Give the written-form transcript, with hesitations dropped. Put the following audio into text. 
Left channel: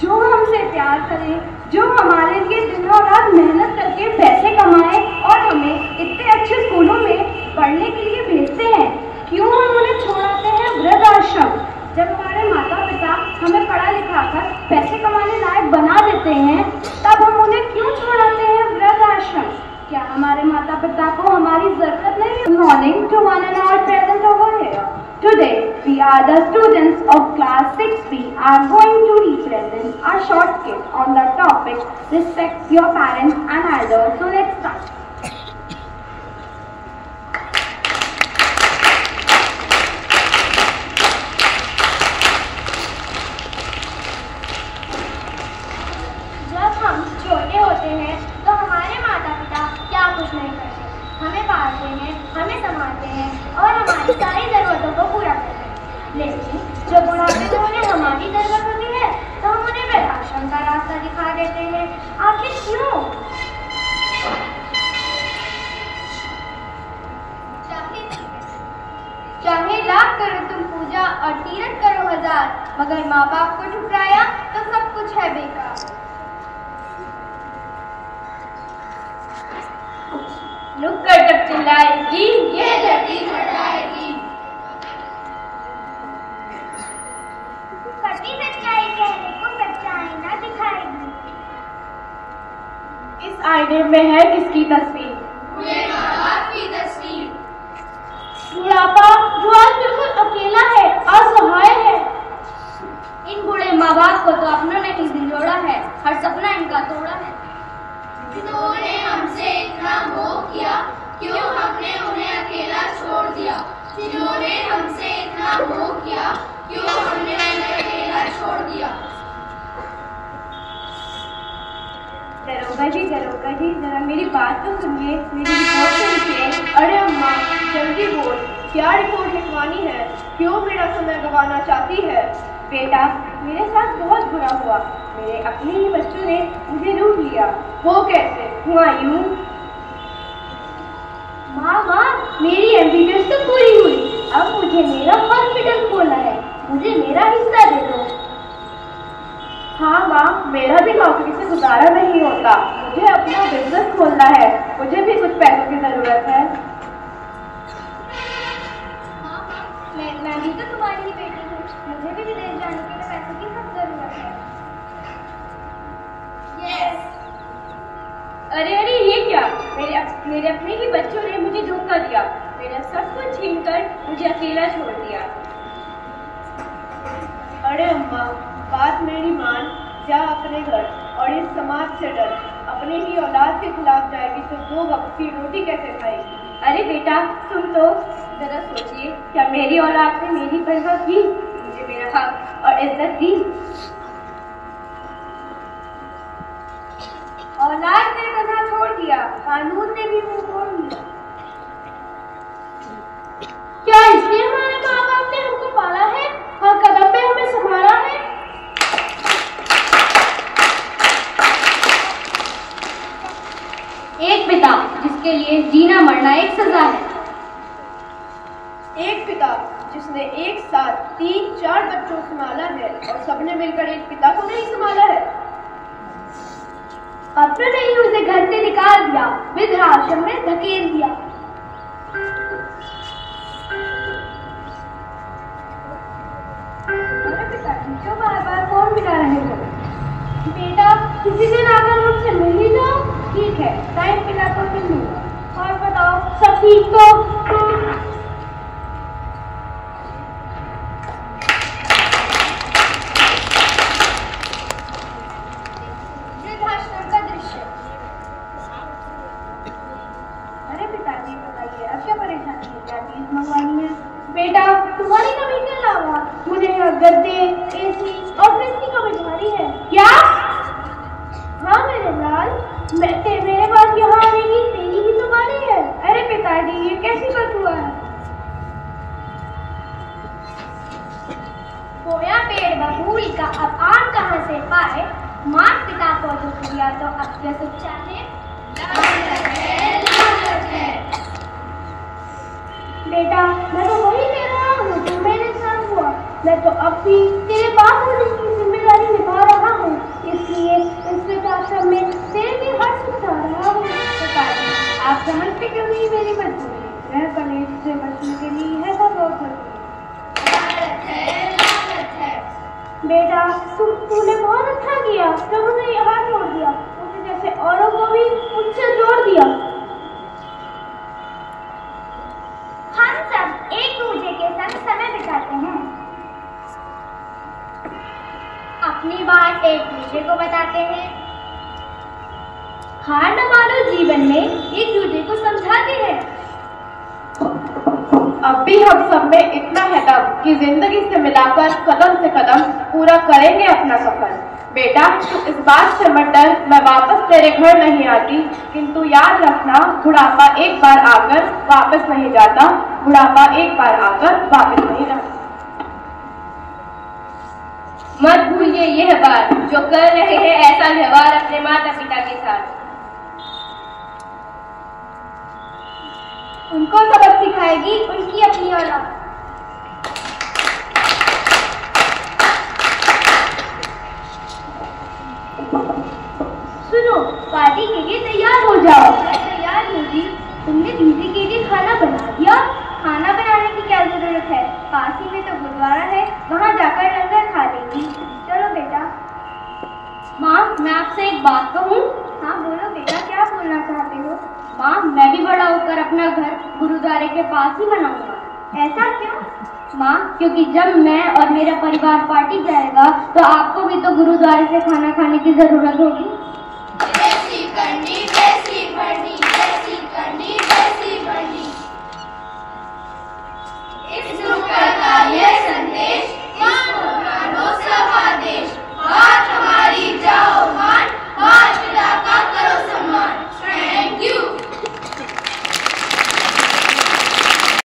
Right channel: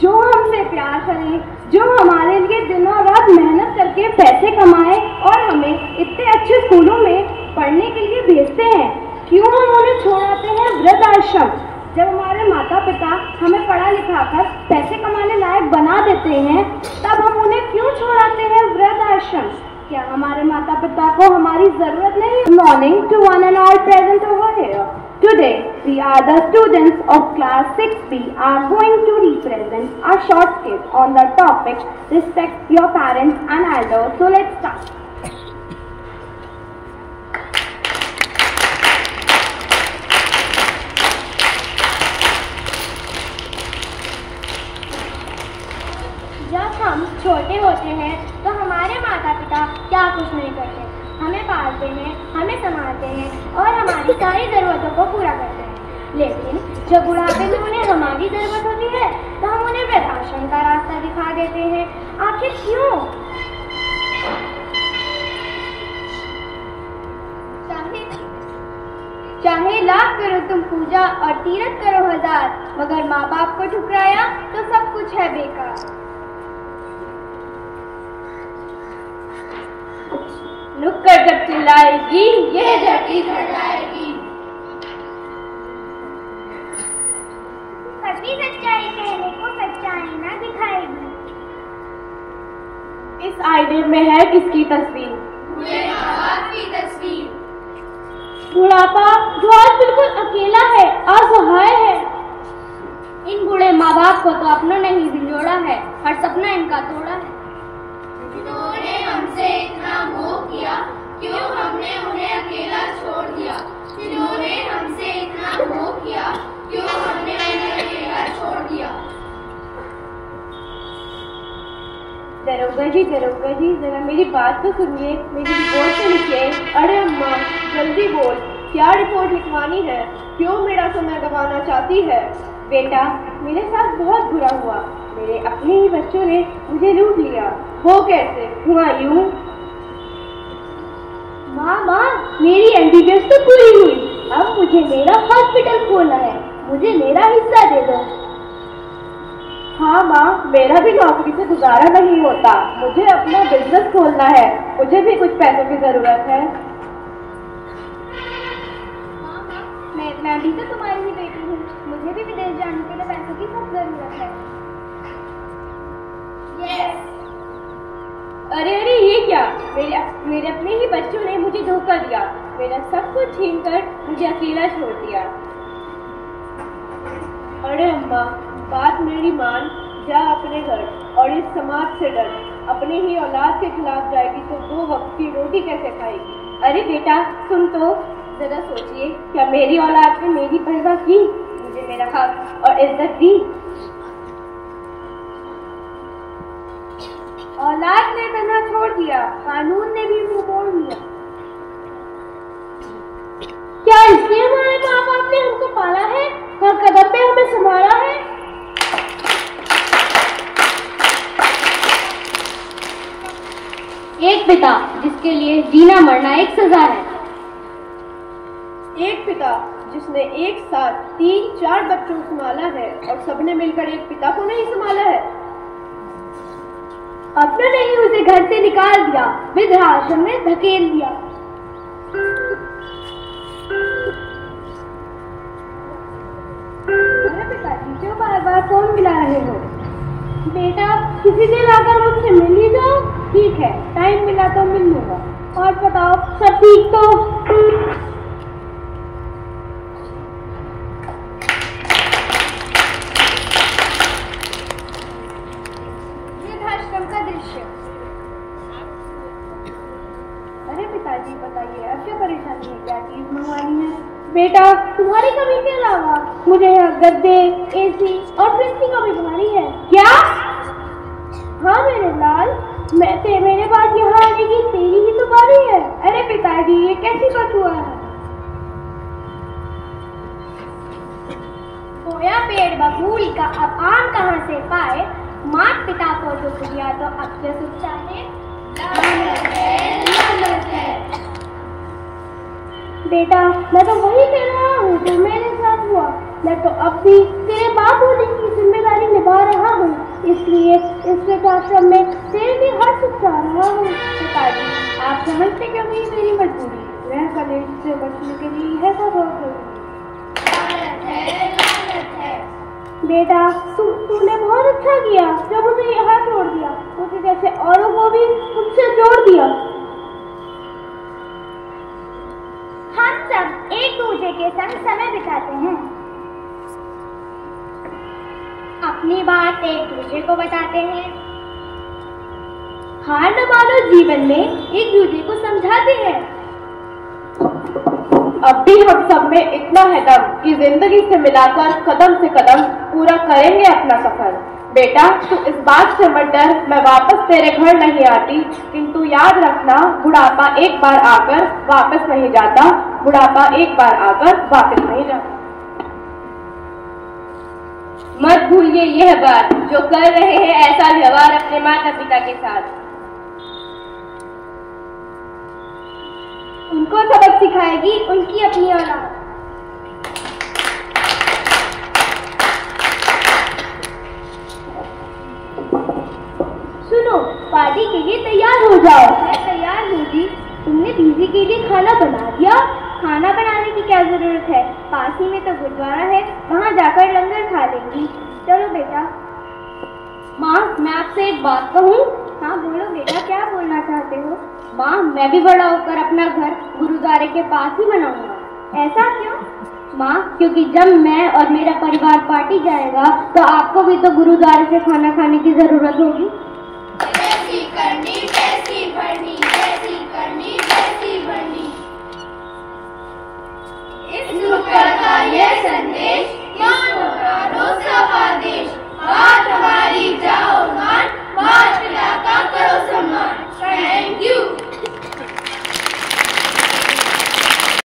जो हमसे प्यार करे, जो हमारे लिए दिन और रात मेहनत करके पैसे कमाए और हमें इतने अच्छे स्कूलों में पढ़ने के लिए भेजते हैं, क्यों हम उन्हें छोड़ाते हैं वृद्ध आश्रम? जब हमारे माता पिता हमें पढ़ा लिखा कर पैसे कमाने लायक बना देते हैं, तब हम उन्हें क्यों छोड़ाते हैं वृद्ध आश्रम? क्या हमारे माता पिता को हमारी जरूरत नहीं? Morning to one and all present over here. Today, we are the students of class 6B are going to represent a short skit on the topic respect your parents and elders. So let's start. जब हम छोटे होते हैं तो हमारे माता पिता क्या कुछ नहीं करते, हमें पालते हैं, हमें संभालते हैं और हमारी सारी ज़रूरतों को पूरा करते हैं। लेकिन जब बुढ़ापे में उन्हें हमारी ज़रूरत होती है तो हम उन्हें वृद्धाश्रम का रास्ता दिखा देते हैं। आखिर क्यों? चाहे लाख करो तुम पूजा और तीरथ करो 1000, मगर माँ बाप को ठुकराया तो सब कुछ है बेकार। नुक्कड़ जब चिल्लाएगी ये धरती घटाएगी। कभी सच्चाई कहने को सच्चाई ना दिखाएगी। इस आईने में है किसकी तस्वीर? पूरे माँ-बाप की तस्वीर। बुढ़ापा जो आज बिल्कुल अकेला है, असहाय है। इन बूढ़े माँ बाप को तो अपनों ने ही दिलोड़ा है, हर सपना इनका तोड़ा है। जिन्होंने हमसे इतना मोह किया, क्यों हमने उन्हें अकेला छोड़ दिया? जिन्होंने हमसे इतना मोह किया, क्यों हमने उन्हें अकेला छोड़ दिया? दरोगा जी, जरा मेरी बात तो सुनिए, मेरी रिपोर्ट तो लिखिए। अरे अम्मा, जल्दी बोल, क्या रिपोर्ट लिखवानी है? क्यों मेरा समय गंवाना चाहती है? बेटा, मेरे साथ बहुत बुरा हुआ। मेरे अपने ही बच्चों ने मुझे लूट लिया। वो कैसे हुआ? यूं। माँ, मेरी एमबीबीएस तो पूरी हुई, अब मुझे मेरा हॉस्पिटल खोलना है, मुझे मेरा हिस्सा दे दो। हाँ माँ, मेरा भी नौकरी से गुजारा नहीं होता, मुझे अपना बिजनेस खोलना है, मुझे भी कुछ पैसों की जरूरत है। मैं भी तो तुम्हारी ही बेटी हूँ, मुझे भी विदेश जाने के लिए पैसों की सब जरूरत है। Yes. अरे ये क्या? मेरे अपने ही बच्चों ने मुझे धोखा दिया, मेरा सब कुछ छीन कर मुझे अकेला छोड़ दिया। अरे अम्मा, बात मेरी मान, जा अपने घर और इस समाज से डर। अपनी ही औलाद के खिलाफ जाएगी तो 2 वक्त की रोटी कैसे खाएगी? अरे बेटा, सुन तो जरा सोचिए, क्या मेरी औलाद ने मेरी परवाह की, मुझे मेरा हक और इज्जत दी? औलाद ने तन्हा छोड़ दिया, कानून ने भी मुंह मोड़ लिया। क्या इसलिए हमारे माँ बाप ने हमको पाला है, हर कदम पे हमें संभाला है? एक पिता जिसके लिए जीना मरना एक सजा है। एक पिता जिसने एक साथ 3-4 बच्चों को संभाला है और सबने मिलकर एक पिता को नहीं संभाला है। अपने ने ही उसे घर से निकाल दिया, वृद्धाश्रम में धकेल दिया। अरे पिताजी, क्यों बार-बार फोन मिला रहे हो? बेटा, किसी दिन आकर मुझसे मिल ही जाओ। ठीक है, टाइम मिला तो मिल लूंगा। और बताओ, सब ठीक तो? वृद्धाश्रम का दृश्य। अरे पिताजी, बताइए अब क्या परेशानी है, क्या चीज मंगवानी है? बेटा, तुम्हारी कमी के अलावा मुझे गद्दे, एसी और फ्रिज की कमी तुम्हारी है। क्या? हाँ मेरे लाल, मेरे पास यहाँ आने की तेरी ही तो बारी है। अरे पिताजी, ये कैसी बात हुआ है? खोया पेड़ बबूल का अब आम कहाँ से पाए, मात पिता को दुख दिया तो अब क्या सुख चाहे। बेटा, मैं तो वही कह रहा हूँ जो मेरे साथ हुआ। मैं तो अब भी तेरे बाप होने की जिम्मेदारी निभा रहा हूँ। तूने बहुत अच्छा किया जब उसे यहाँ छोड़ दिया, उसे जैसे औरों को भी उनसे जोड़ दिया। हम सब एक दूसरे के संग समय बिताते हैं, अपनी बात एक दूसरे को बताते हैं, हार न मानो जीवन में एक दूसरे को समझाते हैं। अब भी हम सब में इतना है दम कि जिंदगी से मिलाकर कदम से कदम पूरा करेंगे अपना सफर। बेटा तू इस बात से मत डर, मैं वापस तेरे घर नहीं आती, किंतु याद रखना बुढ़ापा एक बार आकर वापस नहीं जाता, बुढ़ापा एक बार आकर वापस नहीं जाता। मत भूलिए यह बात, जो कर रहे हैं ऐसा व्यवहार अपने माता पिता के साथ। उनको सबक सिखाएगी उनकी अपनी औलाद। सुनो, पार्टी के लिए तैयार हो जाओ। तैयार होगी? तुमने दीदी के लिए खाना बना दिया? खाना बनाने की क्या जरूरत है, पास ही में तो गुरुद्वारा है, वहाँ जाकर लंगर खा लेंगी। चलो बेटा। माँ मैं आपसे एक बात कहूँ? हाँ बोलो बेटा, क्या बोलना चाहते हो? माँ मैं भी बड़ा होकर अपना घर गुरुद्वारे के पास ही बनाऊंगा। ऐसा क्यों? माँ क्योंकि जब मैं और मेरा परिवार पार्टी जाएगा तो आपको भी तो गुरुद्वारे से खाना खाने की जरूरत होगी। जैसी करनी वैसी बढ़नी, जैसी करनी वैसी बढ़नी। इस नुक्कड़ का यह संदेश